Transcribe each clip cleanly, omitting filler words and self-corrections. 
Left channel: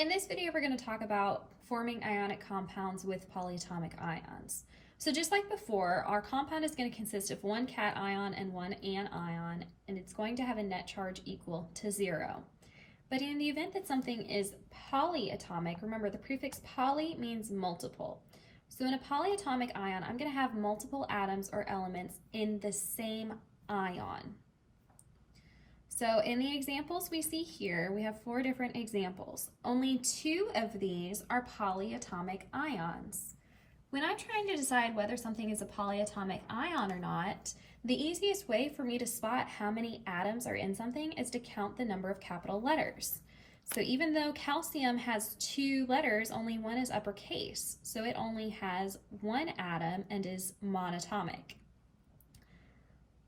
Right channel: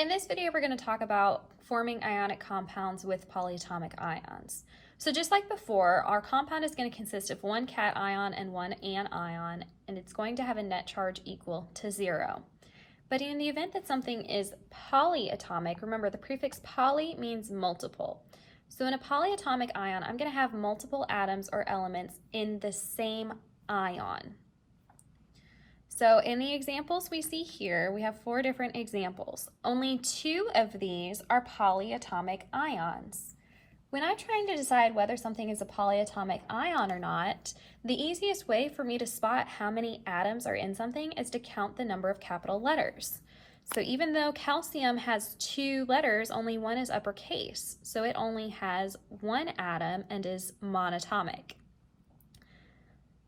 In this video, we're going to talk about forming ionic compounds with polyatomic ions. So just like before, our compound is going to consist of one cation and one anion, and it's going to have a net charge equal to 0. But in the event that something is polyatomic, remember the prefix poly means multiple. So in a polyatomic ion, I'm going to have multiple atoms or elements in the same ion. So in the examples we see here, we have 4 different examples. Only 2 of these are polyatomic ions. When I'm trying to decide whether something is a polyatomic ion or not, the easiest way for me to spot how many atoms are in something is to count the number of capital letters. So even though calcium has 2 letters, only one is uppercase. So it only has 1 atom and is monatomic.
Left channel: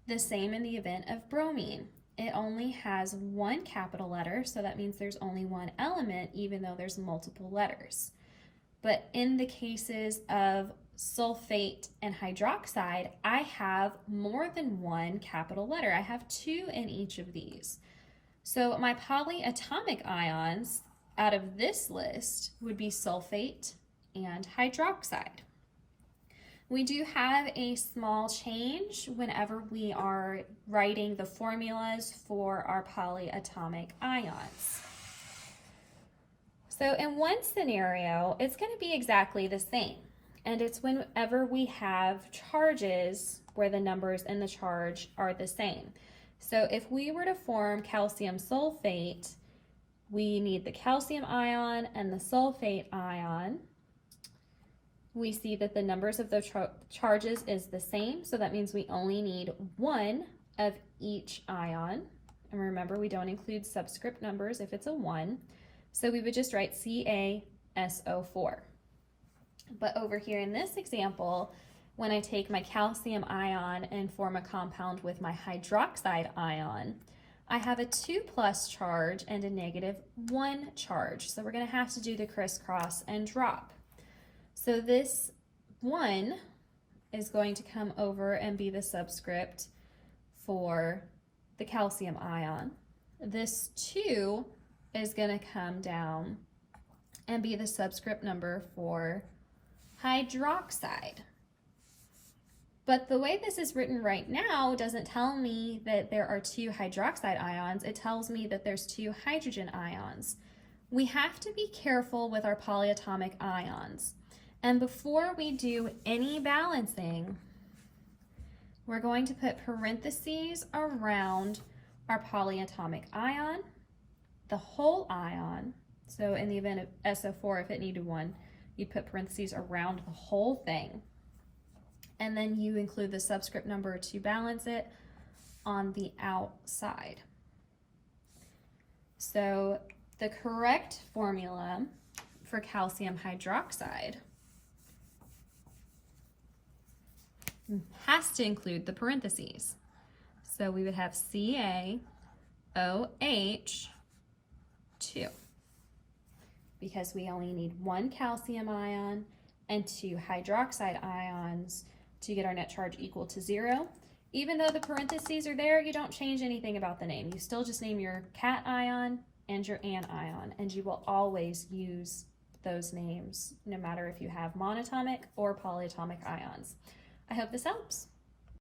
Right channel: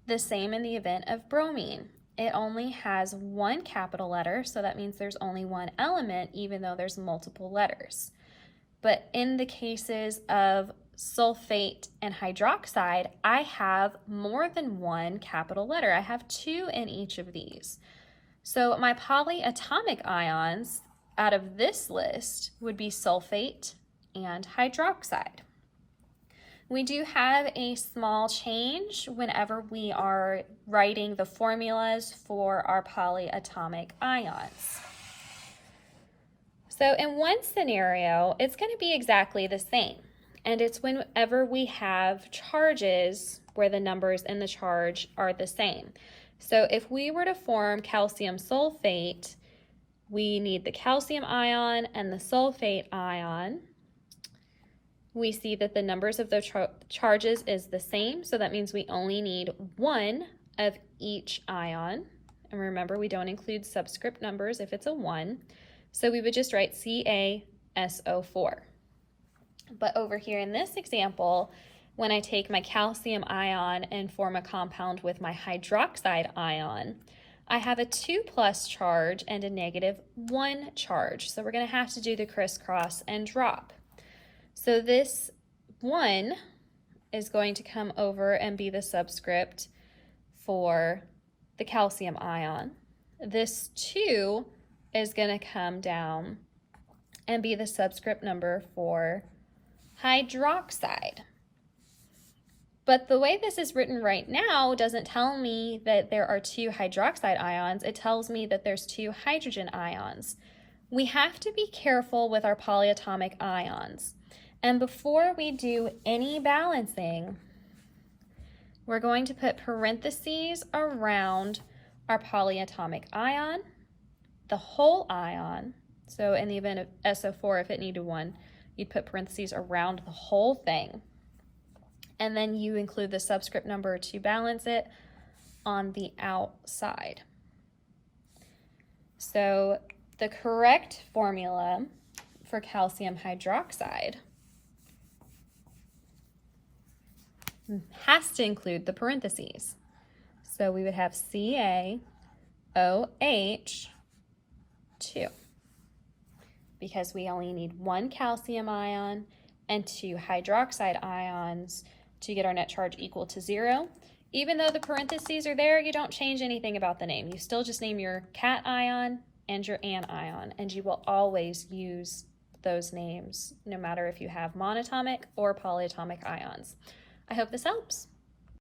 The same in the event of bromine. It only has 1 capital letter, so that means there's only 1 element, even though there's multiple letters. But in the cases of sulfate and hydroxide, I have more than 1 capital letter. I have 2 in each of these. So my polyatomic ions out of this list would be sulfate and hydroxide. We do have a small change whenever we are writing the formulas for our polyatomic ions. So in one scenario, it's going to be exactly the same. And it's whenever we have charges where the numbers in the charge are the same. So if we were to form calcium sulfate, we need the calcium ion and the sulfate ion. We see that the numbers of the charges is the same, so that means we only need 1 of each ion. And remember, we don't include subscript numbers if it's a 1. So we would just write CaSO4. But over here in this example, when I take my calcium ion and form a compound with my hydroxide ion, I have a 2+ charge and a -1 charge. So we're going to have to do the crisscross and drop. So this 1 is going to come over and be the subscript for the calcium ion. This 2 is going to come down and be the subscript number for hydroxide. But the way this is written right now doesn't tell me that there are 2 hydroxide ions. It tells me that there's 2 hydrogen ions. We have to be careful with our polyatomic ions. And before we do any balancing, we're going to put parentheses around our polyatomic ion, the whole ion. So in the event of SO4, if it needed 1, you'd put parentheses around the whole thing. And then you include the subscript number to balance it on the outside. So the correct formula for calcium hydroxide has to include the parentheses. So we would have CaOH2 because we only need 1 calcium ion and 2 hydroxide ions to get our net charge equal to 0. Even though the parentheses are there, you don't change anything about the name. You still just name your cation and your anion, and you will always use those names no matter if you have monatomic or polyatomic ions. I hope this helps.